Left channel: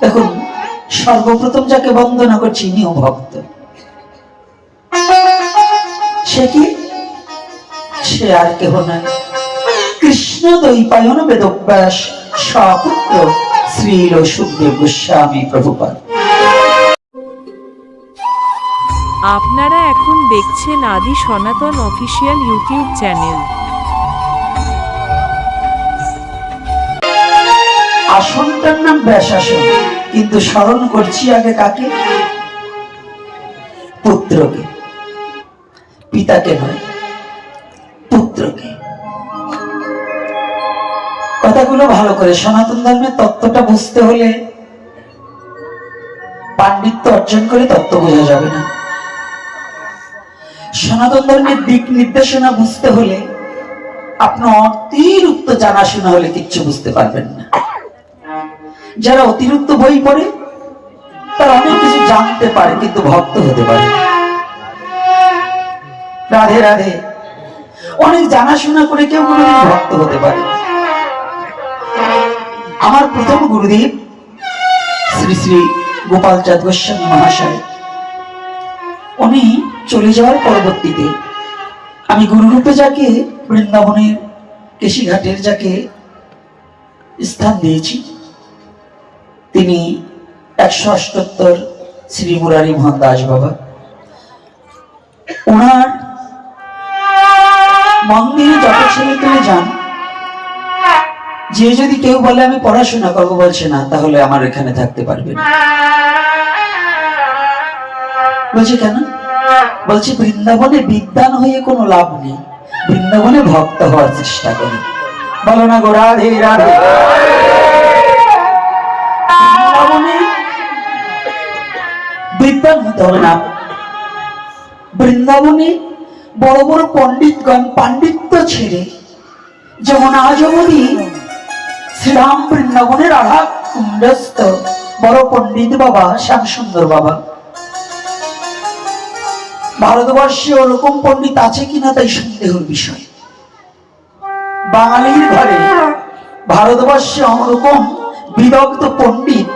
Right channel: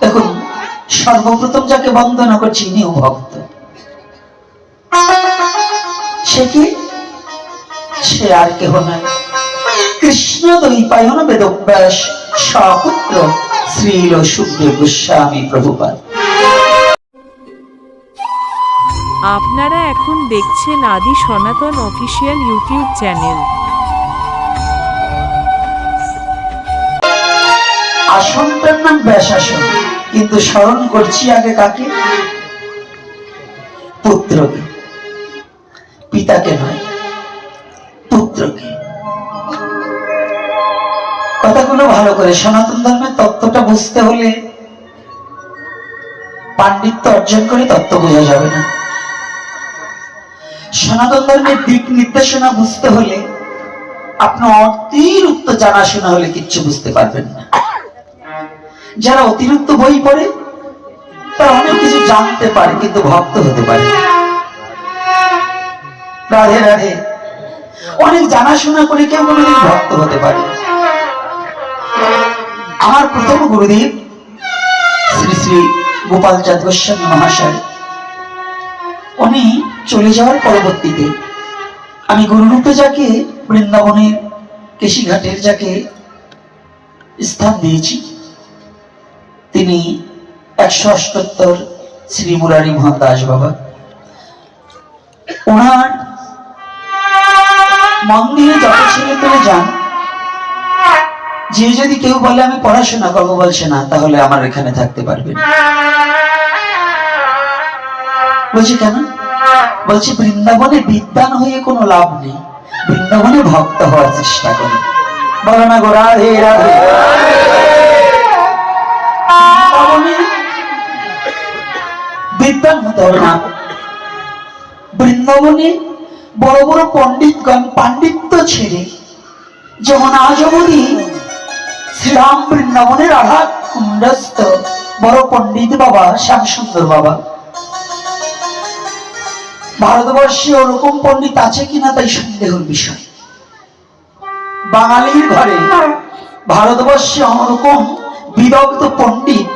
দেখুন সর্বপ্রথম যাকে বন্দনা করছি ইনিও ভক্ত। সে কি? সে আর কেহ নয়। কৃষ্ণ দৈপায়ন বেদব্যাস সপুত্র শ্রীল সুখদেব গোস্বামী প্রভুপাদ। আপনারা এখন দেখছেন আদি সনাতন অফিসিয়াল ইউটিউব চ্যানেল। আসনটার নাম ব্যাস আসন কিন্তু স্মরণ করছি আগে কাকে? পুত্রকে। পিতাকে নয়, পুত্রকে। কথাগুলো ভালো করে সনাতন ধর্মের তত্ত্বটা বুঝতে হলে পাণ্ডিত্য অর্জন করে তত্ত্ব বোঝা যাবে না। সনাতন ধর্মের দিক নির্দেশনা বুঝতে হলে আপনার অতিরিক্ত জানাশোনা হলে কিচ্ছু বুঝতে পারবেন না। যারা অতিরিক্ত বই পড়ে, তারা অনেক কিছু জানতে পারে, কিন্তু ভক্ত হতে পারে রাধে রাধে। অনেক জানাশোনা করে কেউ কোনোদিন ভক্ত হতে পারে আমার প্রথম গুরুদেব শ্রী শ্রী গোপাল চাঁদ গোস্বামী মহাশয়, উনি চলে যাওয়ার পরবর্তীতে আমি গুরুরূপে যাকে, বৃন্দাবনের কেশিঘাটের যাকে স্থান দিয়েছি। তিনি একশো অষ্টোত্তর শ্রী মুরারি মোহন দাস বাবা। ওনার মন্দিরে যত ছেলে পেলে যান। যে যদি কেউ বলে, আমি পড়াশোনা করব, বলছে, না, তাহলে আমার এখানে থাকতে পারবে বলছে, কেন? বলছে, বৃন্দাবনে বিদ্যান হয়ে কোনো লাভ নেই। বৃন্দাবনে ভক্ত হওয়ার চেষ্টা করে। বলো না গো, রাধে রাধে। হতে না। বৃন্দাবনে বড় বড় পণ্ডিতগণ পাণ্ডিত্য ছেড়ে যেমন আজ অবধি শ্রীরাম বৃন্দাবনের আঘা কুণ্ডস্থ বড় পণ্ডিত বাবা শ্যামসুন্দর বাবা। ভারতবর্ষে ওরকম পণ্ডিত আছে কিনা তাই সন্দেহের বিষয়। বাঙালির ঘরে ভারতবর্ষে ওরকম বিদগ্ধ পণ্ডিত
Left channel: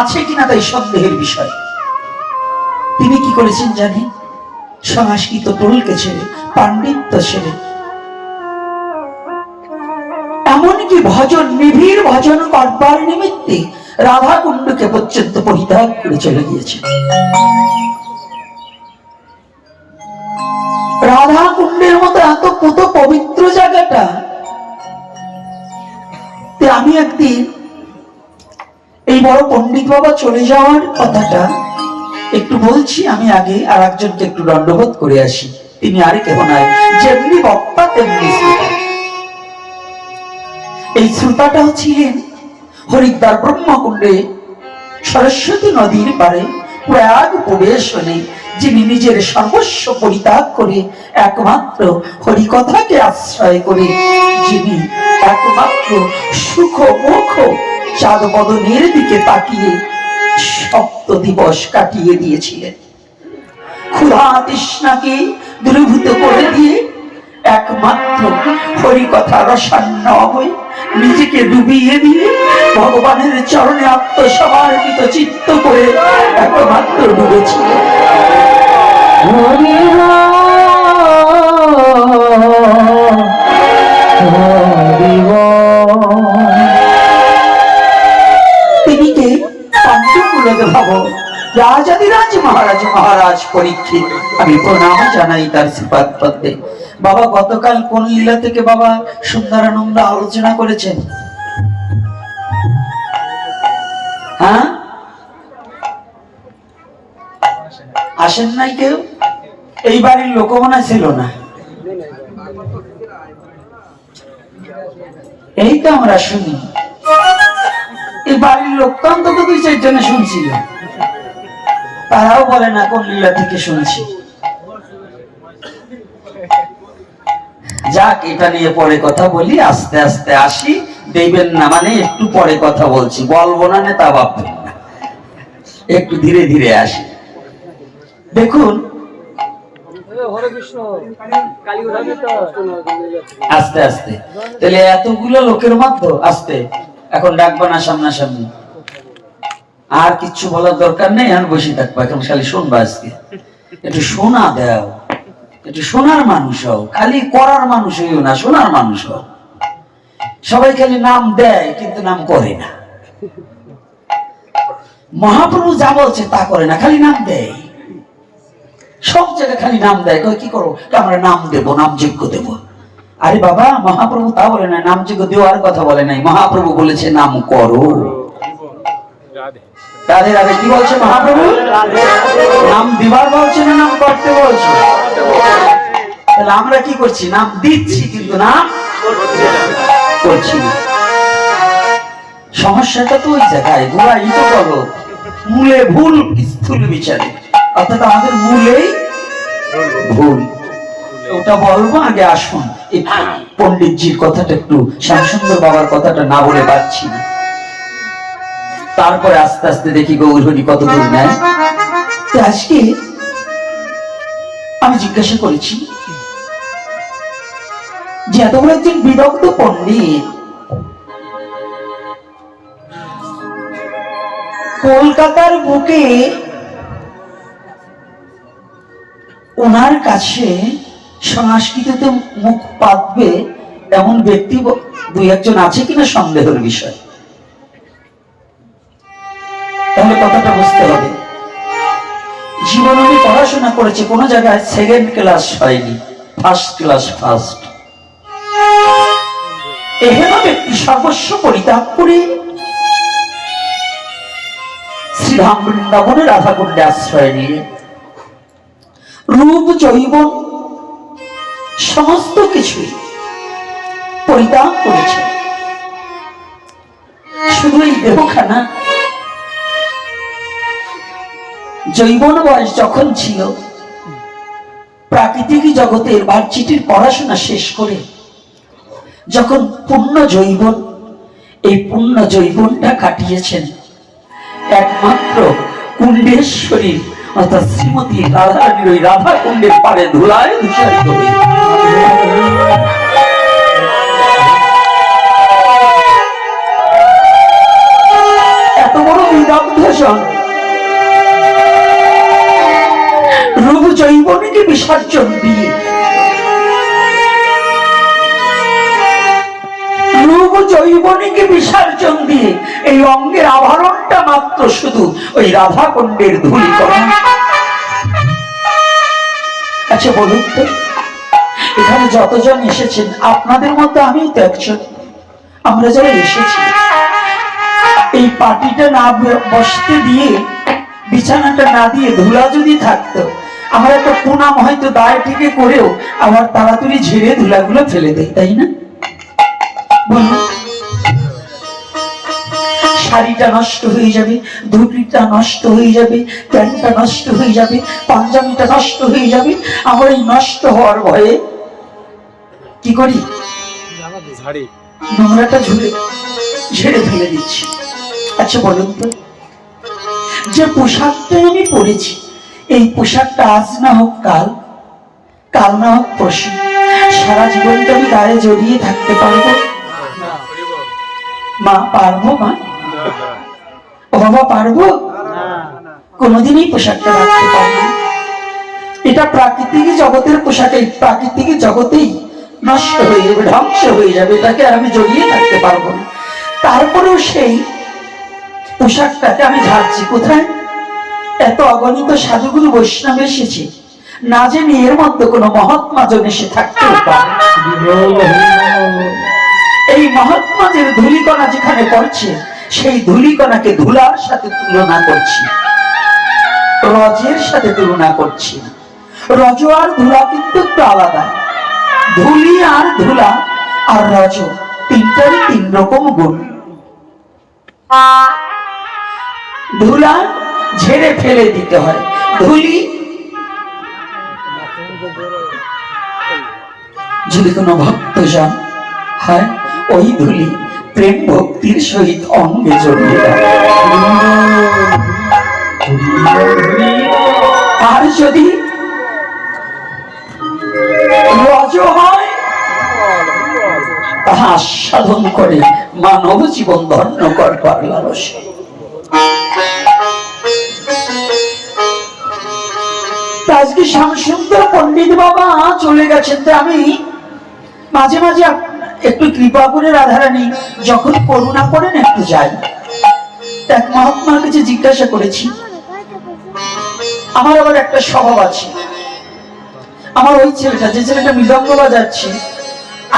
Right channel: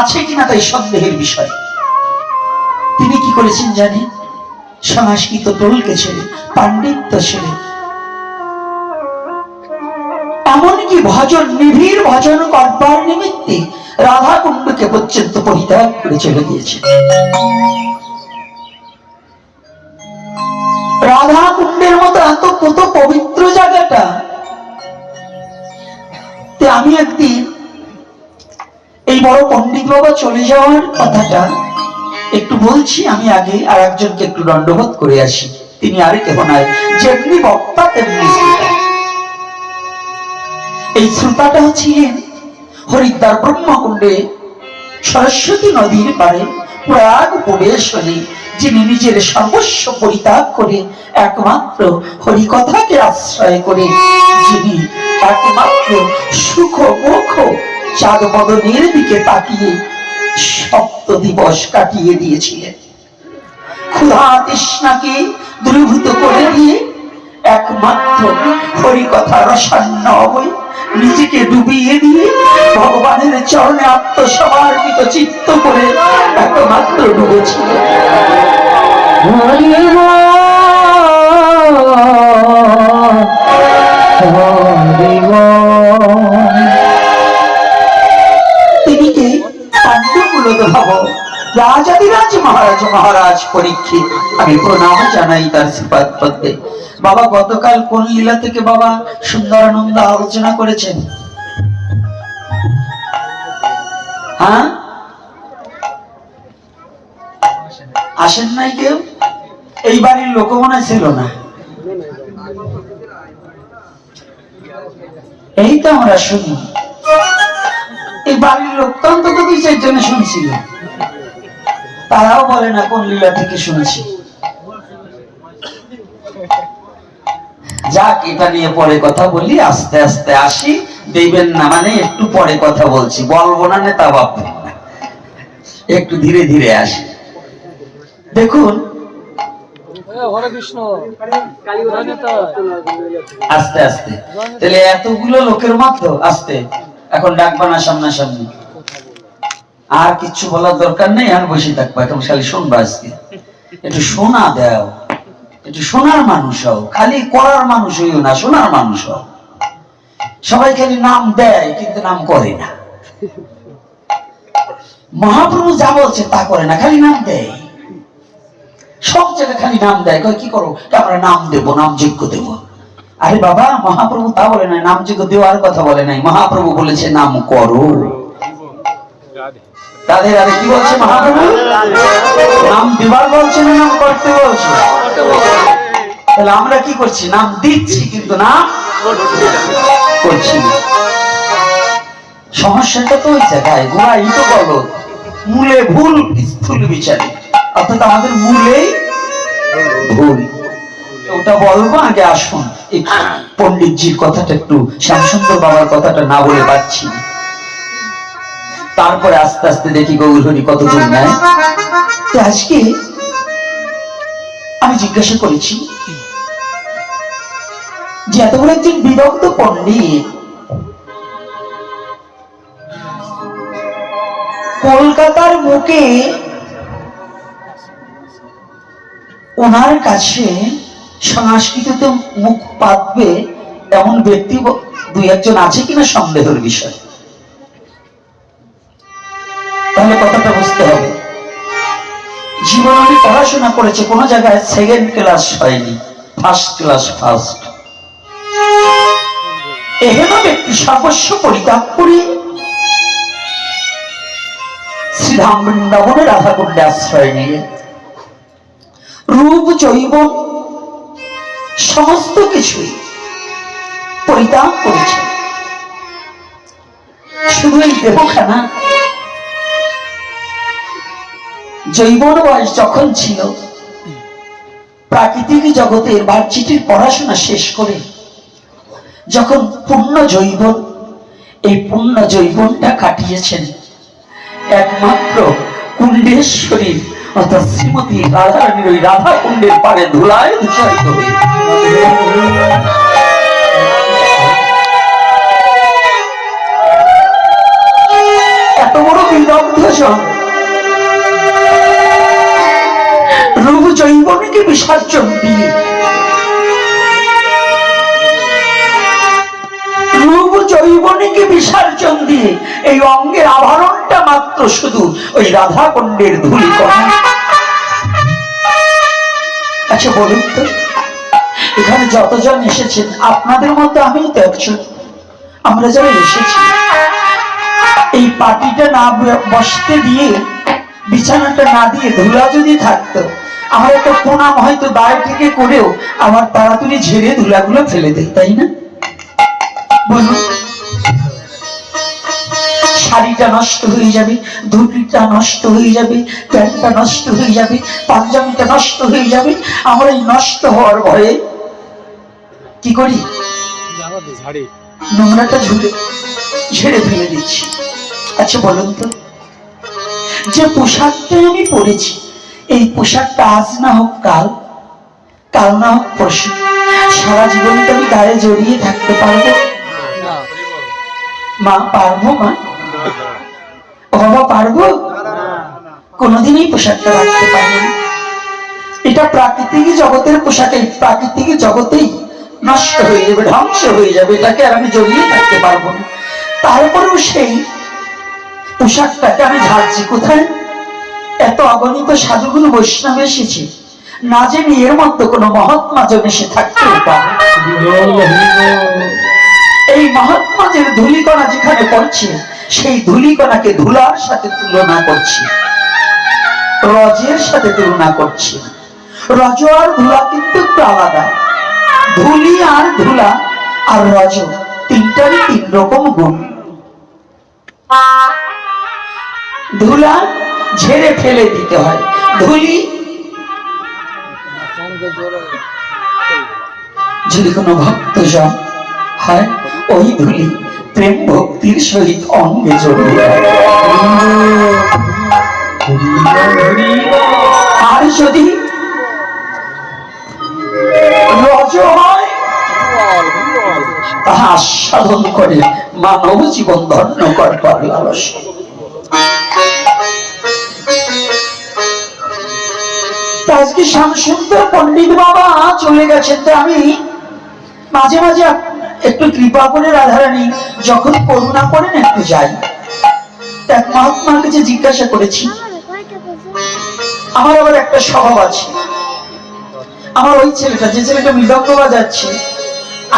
আছে কিনা তাই সন্দেহের বিষয়। তিনি কি করেছেন জানি? সংস্কৃত টোলকে ছেড়ে, পাণ্ডিত্য ছেড়ে। এমনকি ভজন, নিবিড় ভজন করবার নিমিত্তে রাধা কুণ্ডকে পর্যন্ত পরিত্যাগ করে চলে গিয়েছেন রাধা কুণ্ডের মতো এত কত পবিত্র জায়গাটা আমি একদিন এই বড় পণ্ডিত বাবা চলে যাওয়ার কথাটা একটু বলছি, আমি আগে আর একজনকে একটু দণ্ডবোধ করে আসি তিনি আর কেহ নয় যেমনি বক্তা, তেমনি শ্রোতা। এই শ্রোতাটা ছিলেন হরিদ্বার ব্রহ্মকুণ্ডে, সরস্বতী নদীর পারে প্রয়াগ পরিবেশনে যিনি নিজের সর্বস্ব পরিত্যাগ করে, একমাত্র হরিকথাকে আশ্রয় করে, যিনি একমাত্র সুখ মুখ চাঁদ বদনের দিকে তাকিয়ে সপ্ত দিবস কাটিয়ে দিয়েছিলেন ক্ষুধা তৃষ্ণাকে দূরীভূত করে দিয়ে একমাত্র হরিকথা রসান্ন হয়ে নিজেকে ডুবিয়ে দিয়ে ভগবানের চরণে আত্মসমর্পিত চিত্ত করে একমাত্র ডুবেছিল হরি পাণ্ডুকুলকে ভাব রাজাদিরাজ মহারাজ মহারাজ পরীক্ষিত। আমি প্রণাম জানাই তার শ্রীপাদ পদ্মে বাবা গতকাল কোন লীলা থেকে বাবা সুন্দরানন্দ আলোচনা করেছেন? হ্যাঁ? আসেন নাই কেউ? এই বাড়ির লোক মনে ছিল না। এই তো আমরা শুনি। বাড়ির লোক তো অন্তত দুই চারজনে শুনছিল। তারাও বলে না কোন লীলা থেকে শুনছি। যাক, এটা নিয়ে পরে কথা বলি, আস্তে আস্তে আসি। দেবেন না মানে একটু পরে কথা বলছি, বলব না নেতা ভাববেন না একটু ধীরে ধীরে আসি। দেখুন, আস্তে আস্তে। তাহলে এতগুলো লোকের মধ্যে আস্তে। এখন ডাকবো না সামনাসামনি। আর কিচ্ছু বলার দরকার নেই আর বসে থাকব। এখন খালি শুনব আজকে। একটু শোনা দাও। একটু শোনার মানুষ হও। খালি করার মানুষ হইও না, শোনার মানুষ হও। সবাই খালি নাম দেয়, কিন্তু নাম করে না। মহাপ্রভু যা বলছে তা করে না, খালি নাম দেয়। সব জায়গায় খালি নাম দেয়। কি করো আমরা নাম দেব নাম যোগ্য দেব। আরে বাবা মহাপ্রভু তা বলে নাই নাম যোগ্য দেওয়ার কথা বলে নাই। মহাপ্রভু বলেছে নাম করো। রাধে। রাধে কি বলছে মহাপ্রভু? নাম দিবার বলছে না নাম করতে বলছে? তাহলে আমরা কি করছি? নাম দিচ্ছি কিন্তু নাম করছি না। সমস্যাটা তো ওই জায়গায় গোড়া ইটো বলো। মূলে ভুল স্থূল বিচারে। অর্থাৎ আমাদের মূলেই ভুল। তো ওটা বলব, আগে আসুন। এই পণ্ডিতজির কথাটা একটু, শ্যামসুন্দর বাবার কথাটা না বলে পাচ্ছি তারপরে আস্তে আস্তে দেখি গৌরহরি কত দূর নেয়। তো আজকে আমি জিজ্ঞাসা করেছি যে এত বড় একজন বিরক্ত পণ্ডিত কলকাতার বুকে ওনার কাছে সংস্কৃতিতে মুখ পাতবে এমন ব্যক্তি দুই একজন আছে কিনা সন্দেহের বিষয়? তাহলে কথাটা বুঝতে হবে। জীবন আমি পড়াশোনা করেছি, কোনো জায়গায় সেকেন্ড ক্লাস হয়নি ফার্স্ট ক্লাস ফার্স্ট এহেন ব্যক্তি সর্বস্ব পরিত্যাগ করে শ্রীধাম বৃন্দাবনে রাধাকুণ্ডে আশ্রয় নিয়ে। রূপ জৈব সমস্ত কিছুই পরিত্যাগ করেছে। শুধু এই দেহখানা। জৈবন বয়স যখন ছিল, প্রাকৃতিক জগতের ভার্চিটির পড়াশোনা শেষ করে যখন পূর্ণ জৈবন এই পূর্ণ জৈবনটা কাটিয়েছেন একমাত্র কুণ্ডেশ্বরী অর্থাৎ শ্রীমতী রাধারানীর ওই রাধা কুণ্ডের পারে ধুলায় দূষারিত এত বড় বিদগ্ধ জন রূপ জৈবনীকে বিসর্জন দিয়ে জৈবনীকে বিসর্জন দিয়ে এই অঙ্গের আভরণটা মাত্র শুধু ওই রাধা কুণ্ডের ধুলি আচ্ছা বলুন তো, এখানে যতজন এসেছেন, আপনাদের মধ্যে আমিও তো একজন। আমরা যারা এসেছি, এই পার্টিটা না বসতে দিয়ে, বিছানাটা না দিয়ে ধুলা যদি থাকতো, আমার একটা পুনাম হয়তো দায় থেকে করেও আমার তাড়াতাড়ি ঝেড়ে ধুলাগুলো ফেলে দেয় তাই না? বলুন। শাড়িটা নষ্ট হয়ে যাবে ধুতিটা নষ্ট হয়ে যাবে প্যান্টটা নষ্ট হয়ে যাবে পাঞ্জাবিটা নষ্ট হয়ে যাবে আমরা এই নষ্ট হওয়ার ভয়ে কি করি? নোংরাটা ঝুলে ঝেড়ে ফেলে দিচ্ছি। আচ্ছা বলুন তো যে পোশাকটা আমি পরেছি এই পোশাকটা আজ না হোক কাল কাল না হোক পরশু সারা জীবনটা আমি গায়ে জড়িয়ে থাকতে পারব? মা পারব মা? বাবা পারব? কোনোদিনই পোশাকটা রাখতে পারব এটা প্রাকৃতিক জগতের পোশাক প্রাকৃতিক জগতেই নষ্ট হয়ে যাবে ধ্বংস হয়ে যাবে এটাকে আর আমি জড়িয়ে থাকতে পারব না। তারপরেও সেই পোশাকটাকে আমি ঝাড়ছি কোথায়? এত অগণিত সাধুগুরু বৈষ্ণব এসেছে। না জেনে এর মধ্যে কোনো মহাত্মা জন এসে থাকতেও পারে। এই মহাত্মাদের ধুলিকণা যেখানে পড়ছে সেই ধুলিকণাকে ধুলার সাথে তুলনা করছি। রজের সাথে তুলনা করছি। রজ আর ধুলা কিন্তু একটু আলাদা। ধুলি আর ধুলা আর রজ তিনটারই তিন রকম গুণ। ধুলা ঝেড়ে ফেলে দিতে হয়। ধুলি যদি কোনো ভক্তজন হয়, ওই ধুলি প্রেম ভক্তির সহিত অঙ্গে আর যদি রজ হয়, তাহা আস্বাদন করে মানব জীবন ধন্য করবার লালসে। আজকে শ্যামসুন্দর পন্ডিত বাবা চলে গেছেন তাই আমি মাঝে মাঝে একটু কৃপা করে রাধারানী যখন করুণা করেন একটু যাই এক মহাত্মার কাছে জিজ্ঞাসা করেছি, আমার আবার একটা স্বভাব আছে। আমার ওই ছেলেটা, যে ছেলেটা মৃদঙ্গ বাজাচ্ছে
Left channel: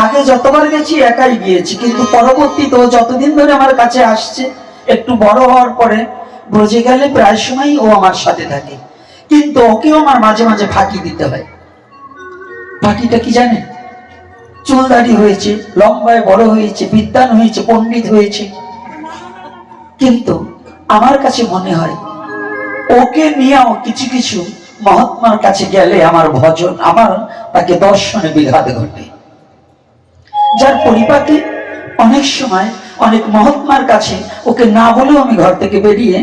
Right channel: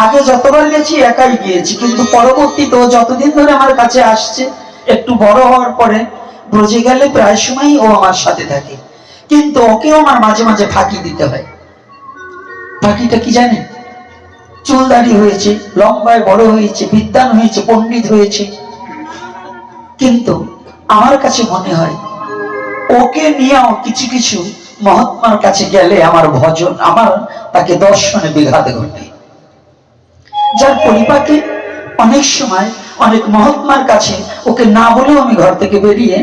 আগে যতবার গেছি একাই গিয়েছি, কিন্তু পরবর্তীতে যতদিন ধরে আমার কাছে আসছে, একটু বড় হওয়ার পরে ব্রজে গেলে প্রায় সময় ও আমার সাথে থাকে। কিন্তু ওকেও আমার মাঝে মাঝে ফাঁকি দিতে হয়। ফাঁকিটা কি জানেন? চুল দাড়ি হয়েছে, লম্বায় বড় হয়েছে বিদ্যান হয়েছে, পণ্ডিত হয়েছে। কিন্তু আমার কাছে মনে হয়, ওকে নিয়েও কিছু কিছু মহাত্মার কাছে গেলে আমার ভজন, আমার তাকে দর্শনে বিঘাত ঘটে। যার পরিপাকে অনেক সময় অনেক মহাত্মার কাছে ওকে না বলেও আমি ঘর থেকে বেরিয়ে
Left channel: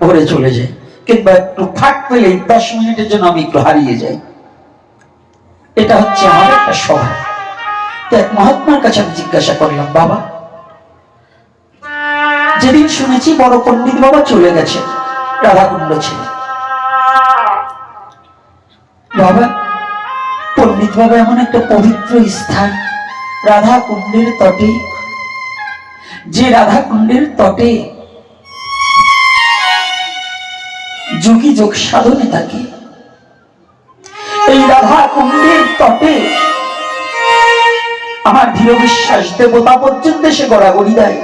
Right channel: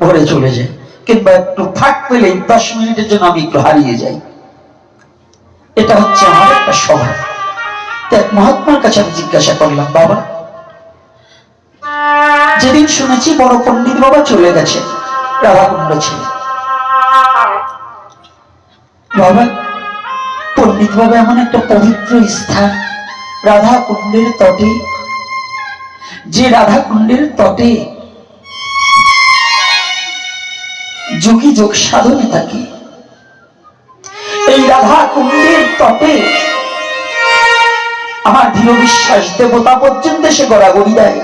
ভরে চলে যাই, কিংবা একটু ফাঁক পেলেই দশ মিনিটের জন্য আমি একটু হারিয়ে যাই। এটা হচ্ছে আমার একটা স্বভাব এক মহাত্মার কাছে আমি জিজ্ঞাসা করলাম, বাবা, যেদিন শুনেছি বড় পণ্ডিত বাবা চলে গেছে, রাধাকুণ্ড ছেলে বাবা, পণ্ডিত বাবা এমন একটা পবিত্র স্থান রাধা কুণ্ডের তটে। যে রাধা কুণ্ডের তটে যোগী যোগ সাধনে থাকে, এই রাধা কুণ্ডের তটে আমার দৃঢ় বিশ্বাস দেবতা পর্যন্ত সে গড়াগড়ি দেয়।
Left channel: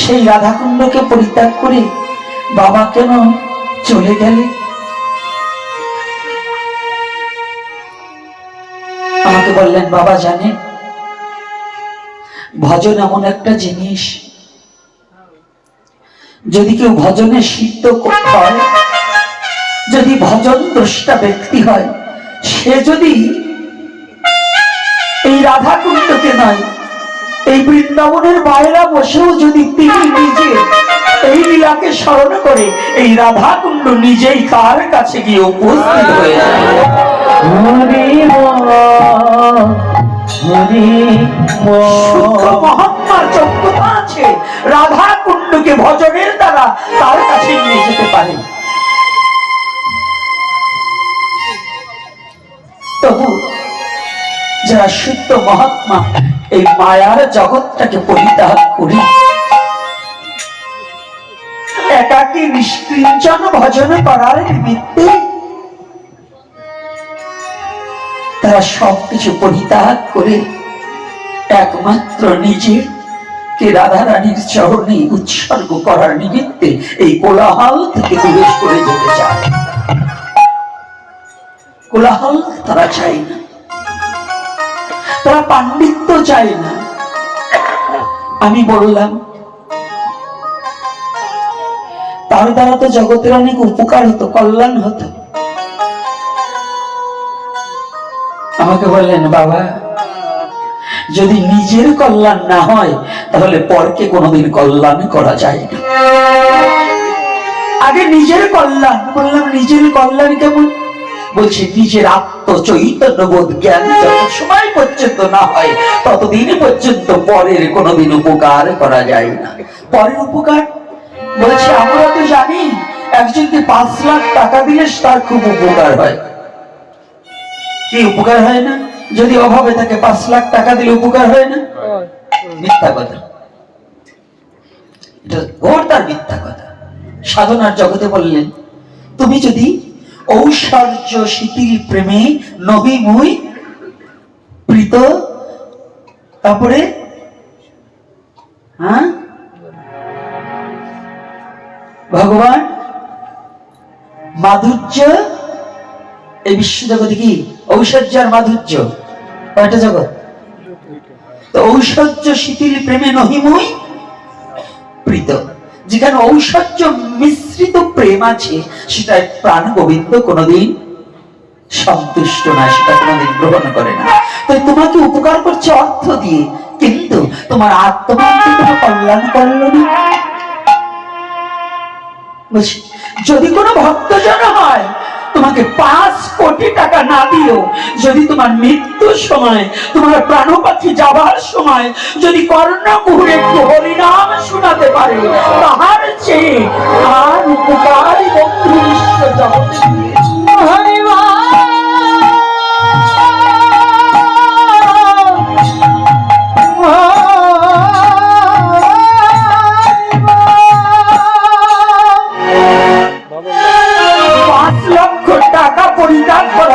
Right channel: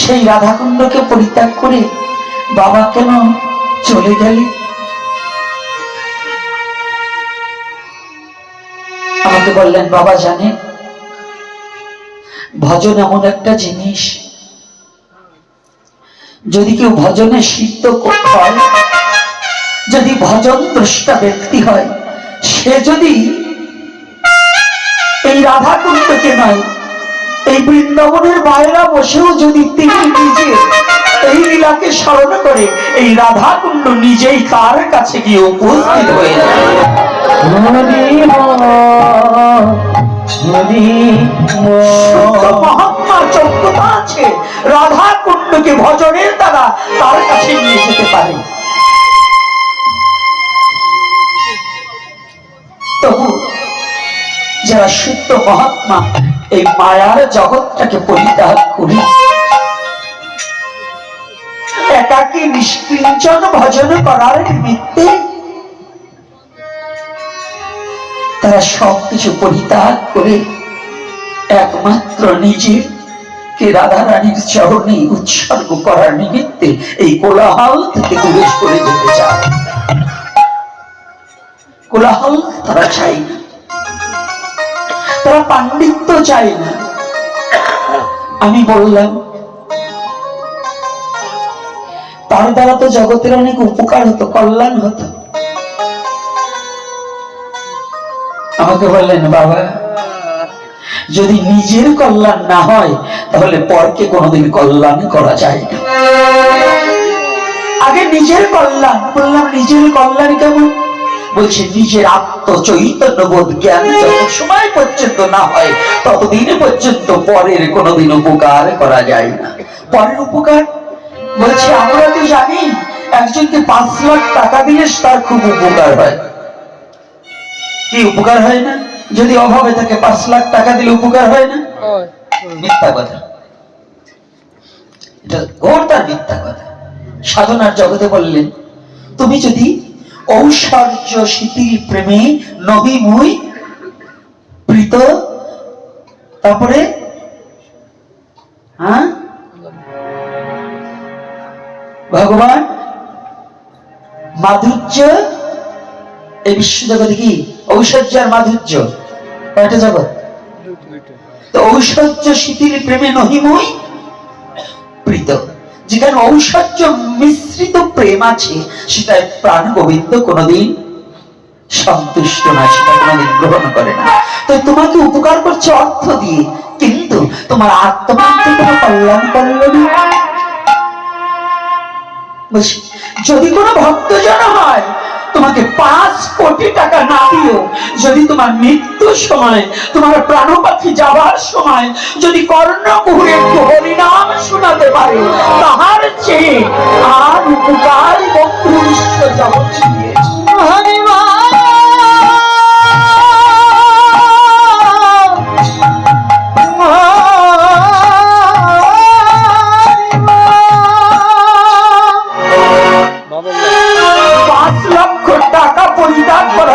সেই রাধাকুণ্ডকে পরিত্যাগ করে বাবা কেন চলে গেলে? আমাকে বললেন, বাবা জানেন, ভজন এমন একটা জিনিস। যদি কেউ ভজনে সিদ্ধ হয় যদি ভজন দ্রষ্টা ব্যক্তি হয়, সে যদি এই রাধাকুণ্ডকে নয় এই বৃন্দাবনের বাইরা বসেও যদি তিনি নিজে এই লীলাকে স্মরণ করে এই রাধাকুণ্ড নিজেই তার কাছে গিয়ে উপস্থিত হয়ে মহাত্মা যোগ্যতা আছে রাধা কুণ্ডকে ভজনের দ্বারা তার কাছে নিয়ে যেতে পারে। তবু যারা শুদ্ধ মহাত্মা, এই মায়ার জগৎটাকে পরিত্যাগ করে। একাকী নিষ্কিঞ্চন ভজন করার নিমিত্তে তারা সবকিছু পরিত্যাগ করে একমাত্র নিজের কে রাধা রানীর চরণে উৎসর্গ করার নিমিত্তে এই কোলাহল থেকে দূরে সরে যেতে চায়। কোলাহল তারা চাই না। তারা পাণ্ডিত্য চায় না। আমি বললাম, তার দ্বারা তো জগতের অনেক উপকার হতো, কল্যাণ হতো। আমাকে বললেন, বাবা, যদি নিজের কল্যাণ না হয়, তাহলে পরকে কোনোদিন কল্যাণ করা যায় না। আগে নিজের কল্যাণ, বললাম, নিজের কল্যাণ কেমন? বলছে, নিজের আত্ম চৈতন্য বোধ জ্ঞান যত সময় পর্যন্ত না হয়, ততদিন পর্যন্ত পরের কোনোদিন উপকার করা যায় না। পরের উপকার? বলছে, আমরা তো জানি একজনকে পাঁচ লাখ টাকা দিলে তার খুব উপকার হয়। কি উপকার হয় না? যদি অভাবে থাকে, পাঁচ লাখ টাকা দিলে উপকার হয় না? মিথ্যা কথা। এটা ঘোরটার মিথ্যা কথা। সাধনার জগতে বললেন, তুমি যদি ঔশ্বর্য শিথিল প্রেমে নবী মুই প্রীত। তারপরে হ্যাঁ? ভগবান মাধুর্য, এই বিশ্ব জগতে কি? ঐশ্বর্য আর মাধুর্য, কয়টা জগৎ? তো ঐশ্বর্য শিথিল প্রেমে নহিমই প্রীত। যেখানে ঐশ্বর্য মিশ্রিত প্রেম আছে সেটা প্রাণ গোবিন্দ কোনোদিন সন্তুষ্ট নয়, সেটা কোনোদিন গ্রহণ করে না তো তোমাকে উপকার করছে অর্থ দিয়ে, কিন্তু তোমার আত্মমান তো তোমার কল্যাণ করল না? যদি কোনো ভক্তজন হয় তোমাকে পাঁচ কোটি টাকা না দিও যদি তোমার মৃত্যুর সময়, তোমার প্রাণ পাখি যাবার সময়, যদি কর্ণ মুহুরে একটু হরিনাম শোনাতে পারে, তাহার চেয়ে আর উপকার বন্ধ বিশ্ব জগতে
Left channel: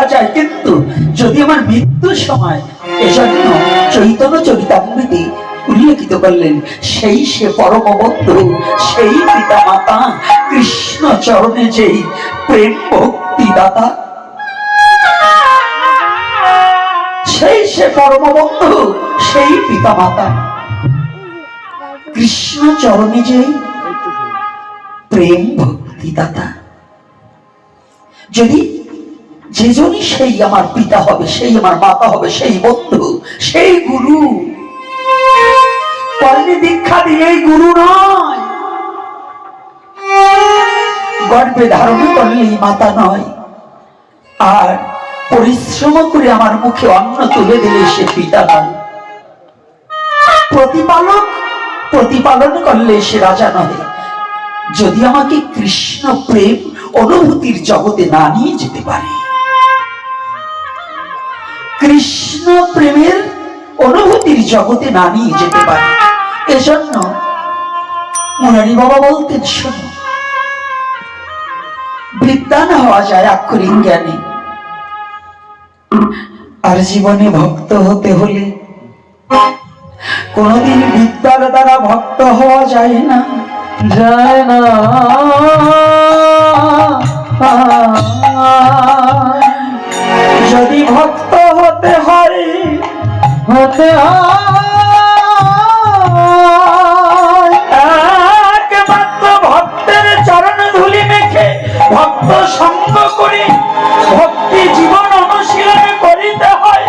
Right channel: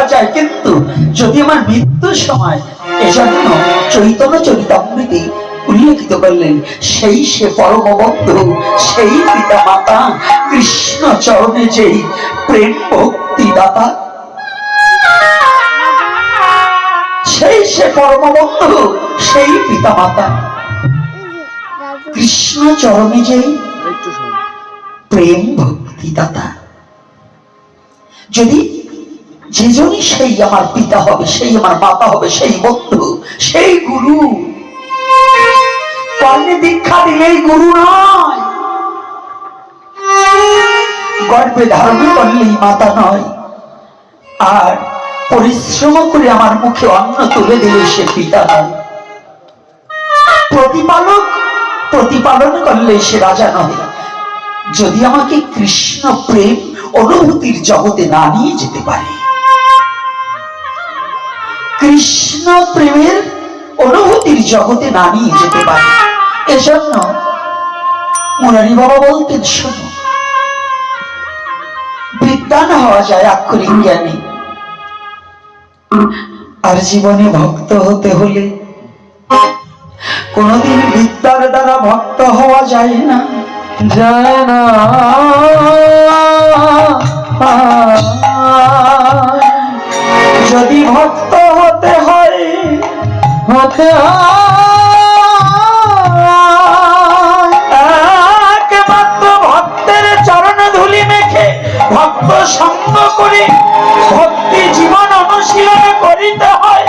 করা যায়। কিন্তু যদি আমার মৃত্যুর সময় এজন্য চৈতন্য চরিতামৃতে উল্লেখিত করলেন, সেই সে পরম বন্ধু সেই পিতা মাতা, কৃষ্ণ চরণে যেই প্রেম ভক্তি দাতা, সেই সে পরম বন্ধু সেই পিতা মাতা, কৃষ্ণ চরণে যেই প্রেম ভক্তি দাতা। যদি যেজনই সেই আমার পিতা হবে, সেই আমার মাতা হবে, সেই বন্ধু, সেই গুরু। কর্মে দীক্ষা দিলেই গুরু নয়। গর্বে ধারণ করলেই মাতা নয়। আর পরিশ্রম করে আমার মুখে অন্ন তুলে দিলে সে পিতা নয়। প্রতিপালক প্রতিপালন করলে সে রাজা নয়। যদি আমাকে কৃষ্ণ প্রেম, অনুভূতির জগতে না নিয়ে যেতে পারে কৃষ্ণ প্রেমের অনুভূতির জগতে নামিয়ে যেতে পারে। এজন্য মুরারি বাবা বলতেন শোনো বিদ্যান হওয়া যায় আক্ষরিক জ্ঞানী। আর জীবনে ভক্ত হতে হলে কোনদিন বিদ্যার দ্বারা ভক্ত হওয়া যায় না। যায় না। যদি ভক্ত হতে একমাত্র ভক্তের চরণ ধুলি মেখে ভক্ত সঙ্গ করে ভক্তি জীবন অনুশীলন করিতে হয়।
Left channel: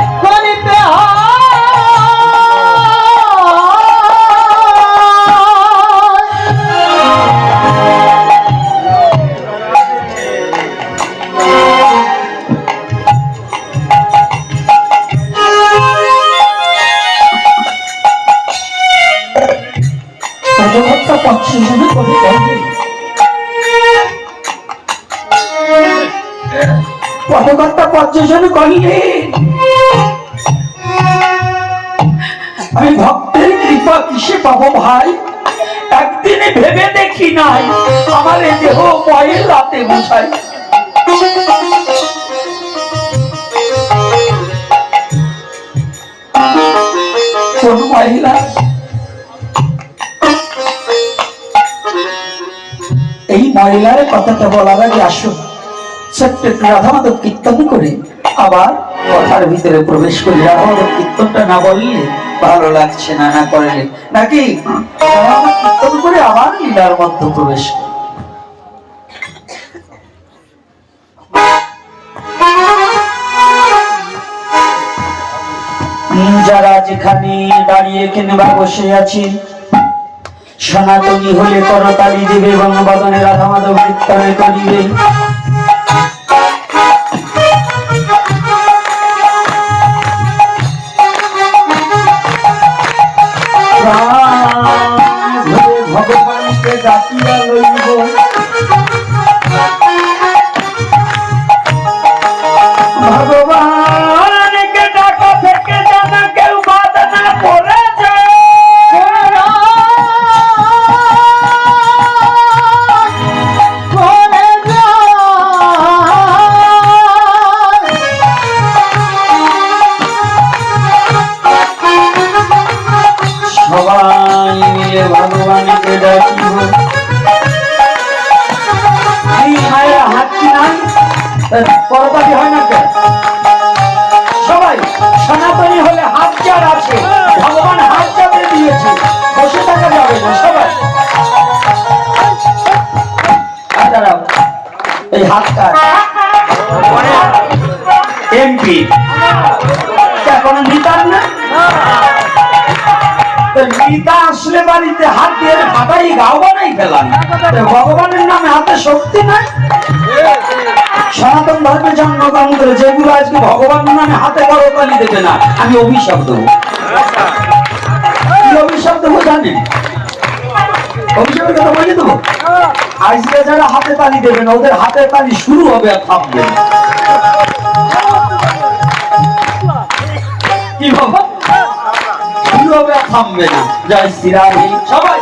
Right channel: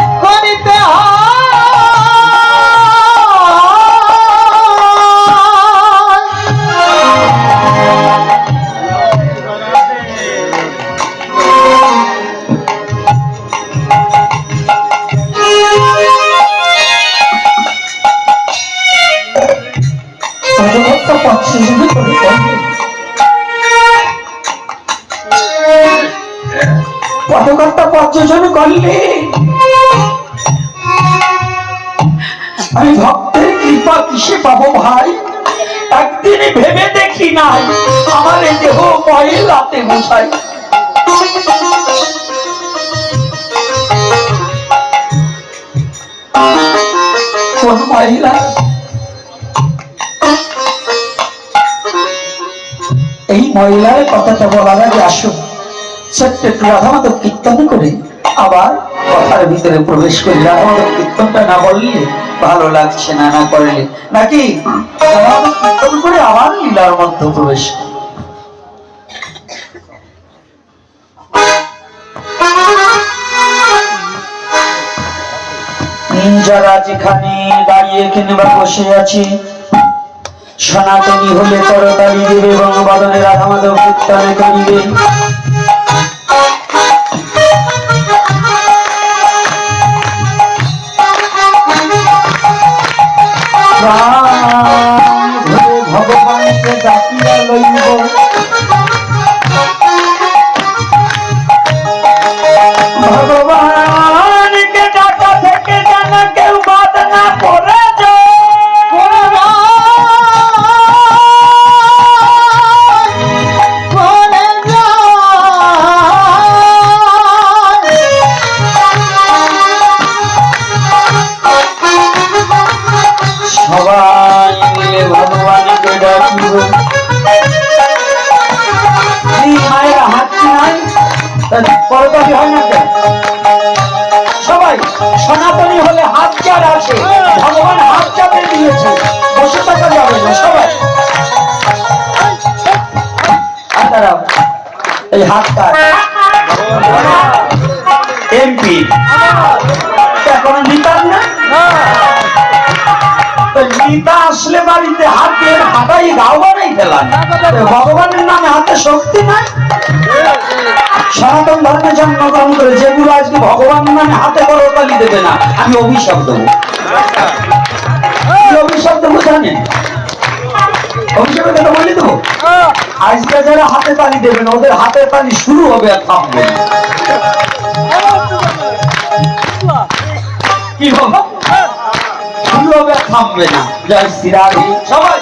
পদকর্তা পদ যোজনা করলে আমি ভক্তের কৃপা কিসে পাবো ভাই? একদিনে ভেবে দেখি নাই, আমার এ দেহ ময়লাতে বোঝাই কোন মহিলা এই মহিলার কথাটা বলার আগে আসুন। ছোট্ট কীর্তন করে আবার কথার ভিতরে প্রবেশ করি রাধামাধব কীর্তনটা না বললে ভালো লাগছে না না করলে। নাকি? কীর্তন করে আবার লীলার মধ্যে প্রবেশ। যারা যেখানে দাঁড়িয়ে এখানে বা বসে আছে, সনাতনী হলে করতালি দেবে এবং বদনে রাধা মাধব কীর্তনে করিবে। এখনও না। আসলে হাত দিয়ে হাতাই গাও বানাই ভগবানের নামে হাতে শক্তি নাই। আজকে ভগবান নামে হাতে করতালি দেবে না, আমি অভিশাপ দেবো। কি অভিশাপ দেবো জানেন অভিশাপের কথা বলে দেবো আজকে যারা হাতে তালি দেবেন, ওদের হাতে তালি শুরু হবে আর থামবে না। কি হবে? কি হবে? থামবে না। জয় শ্রীরাধি সবাই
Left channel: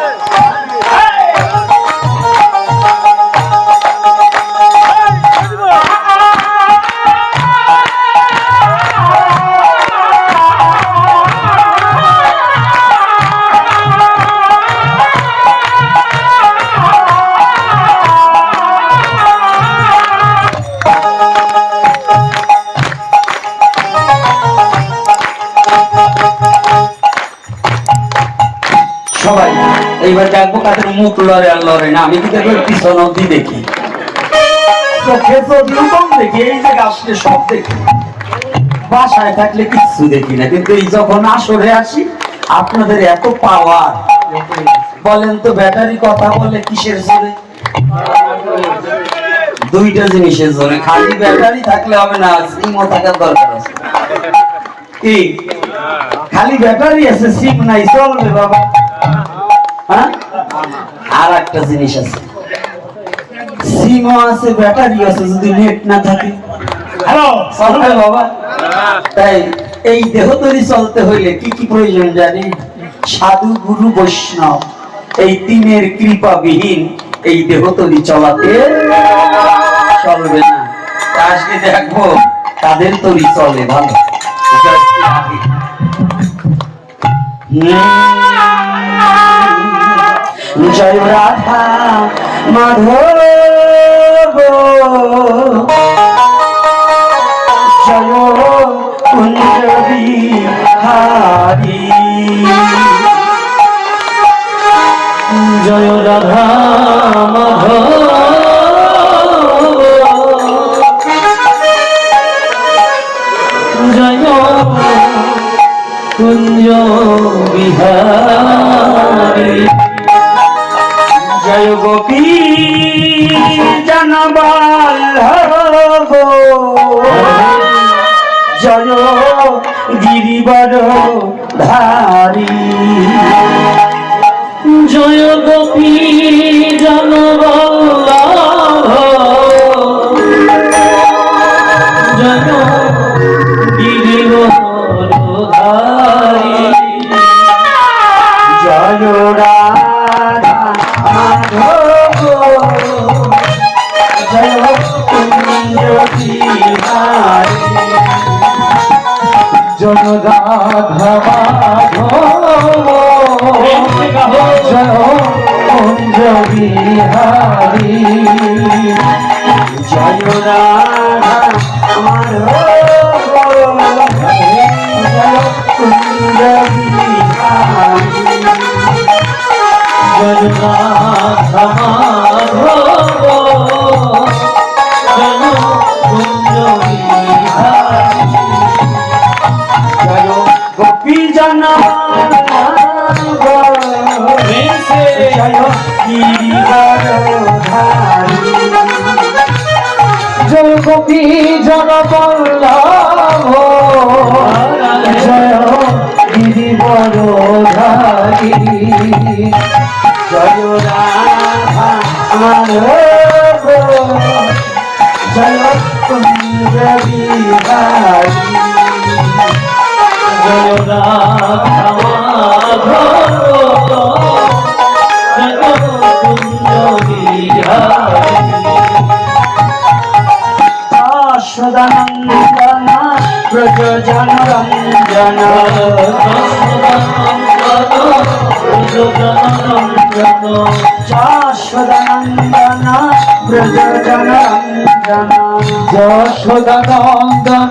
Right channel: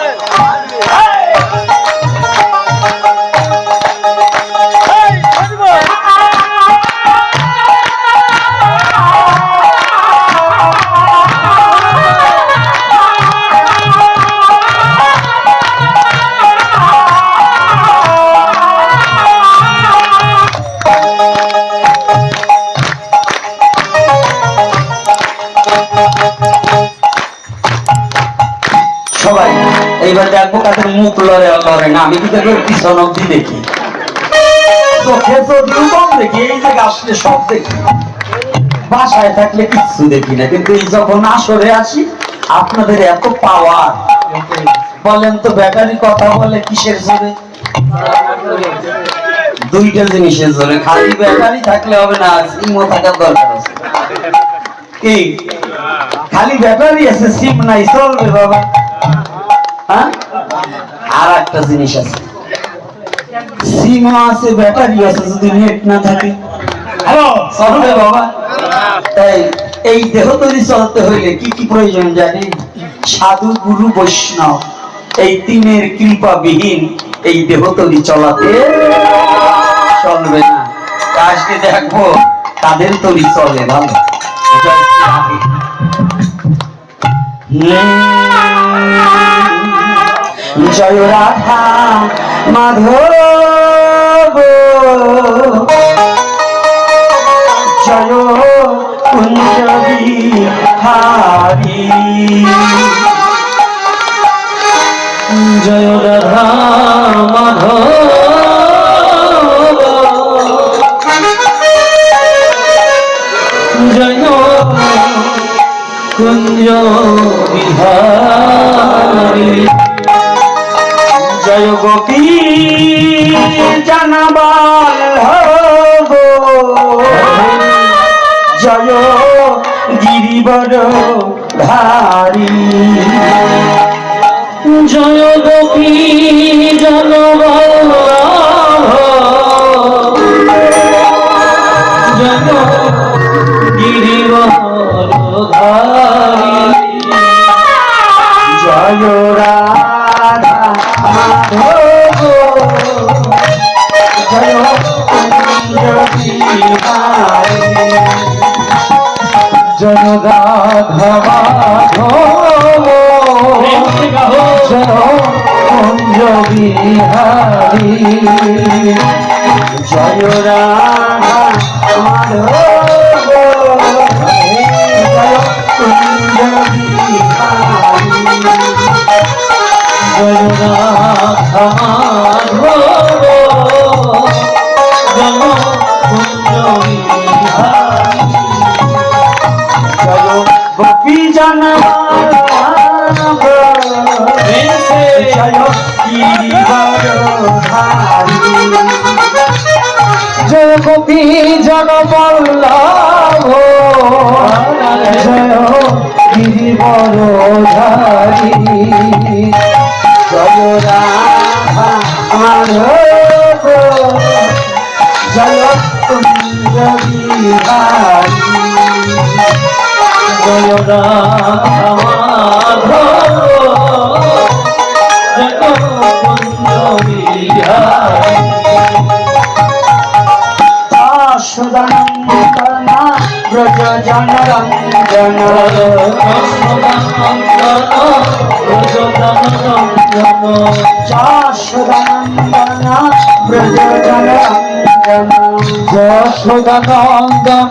মুখ লড়ে লড়ে না, আমি কিন্তু পিছন অব্দি দেখি। চোখে দেখি, এই আসলে সব দেখি। বাসায় থাকলে কিচ্ছু দেখি না, কিন্তু এই যখন আসরে আসি, আপনাদের এত পাওয়ার বলেন তো, ব্যাটারি কথা বলে কিসের জোরে? দুইটা জিনিসের জন্য খালি ব্যাটারি থাকলে হবে না সিমও থাকার দরকার আছে। কি? খালি ব্যাটারি আছে, সিম নাই, চলবে বাবা। একটা জিনিস আছে। সিমও আছে, ব্যাটারি আছে, যদি নেট না থাকে। হ্যালো চলবে বাবা। তাই এই দেহ তৈরি চলতে হইলে কি কি প্রয়োজন জানি সাধু, গুরু, বৈষ্ণব, এই তিনের কৃপাবিহীন এই দেহ তৈরি চলাতে চলবে না। আজকে দেখব, তাদের তৈরি চলে ভালো। জয় রাধা মাধব। জয় কুঞ্জ বিহারী জয় রাধা মাধব। জয় কুঞ্জ বিহারী জয় গোপী জানবাল জয় গিরিবর ধারী। জয় গোপী জনবল্লভ বিহারী। জয় ব্রজ জনরঞ্জন যশোদানন্দনা ব্রজ জনরঞ্জন যশোদানন্দন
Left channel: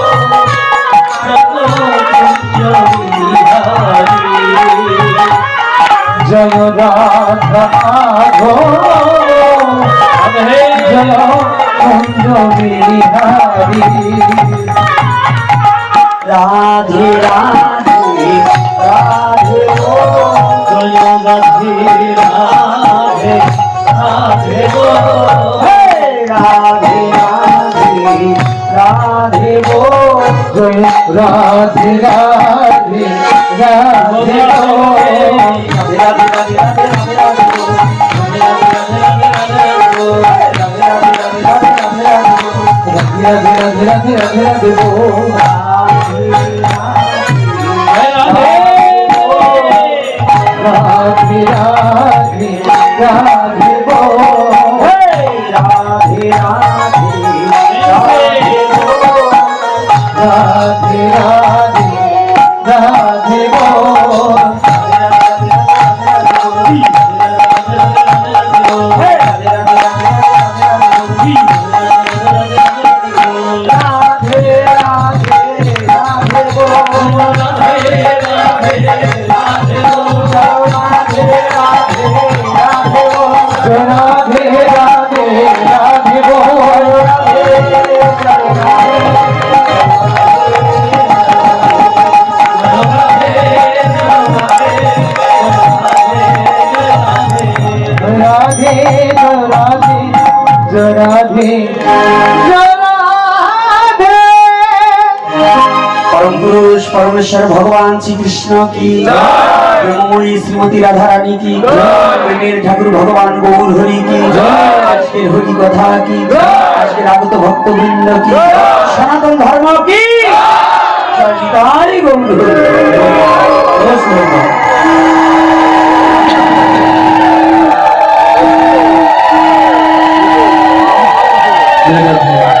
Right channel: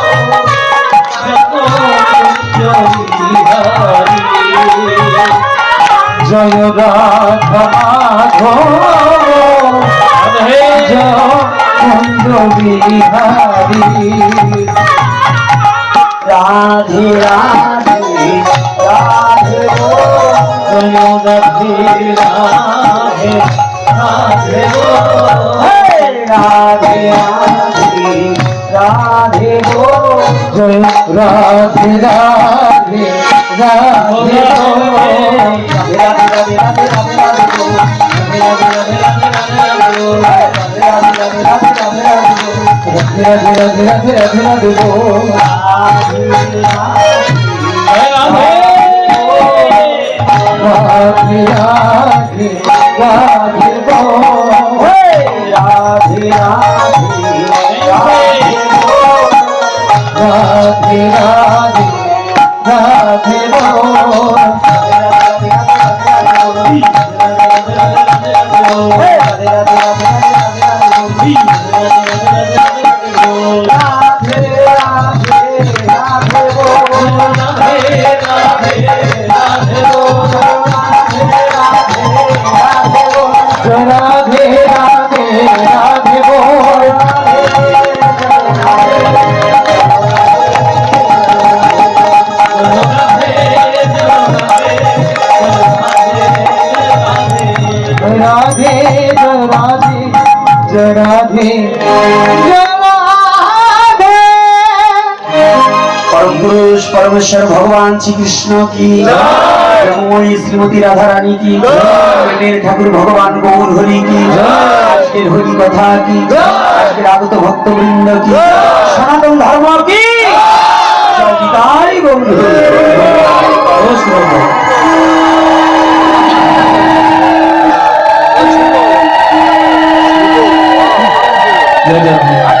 জয় রাধা গো হে বিহারি রাধে রাধে রাধে গো জয় রাধে রাধে রাধে রাধে রাধে রাধে রাধে রাধে রাধে রাধে রাধে গো রাধে রাধে পরম পুরুষ পরমেশ্বর ভগবান শ্রীকৃষ্ণ কি? ব্রহ্মণী শ্রীমতী রাধা রানী কি? প্রেমের ঠাকুর ভগবান গৌর হরি কি আজকের হরি কথা কি? আজকের আগত ভক্তবৃন্দ কি? সনাতন ধর্ম কি? গৌর হরি। Grande abraço.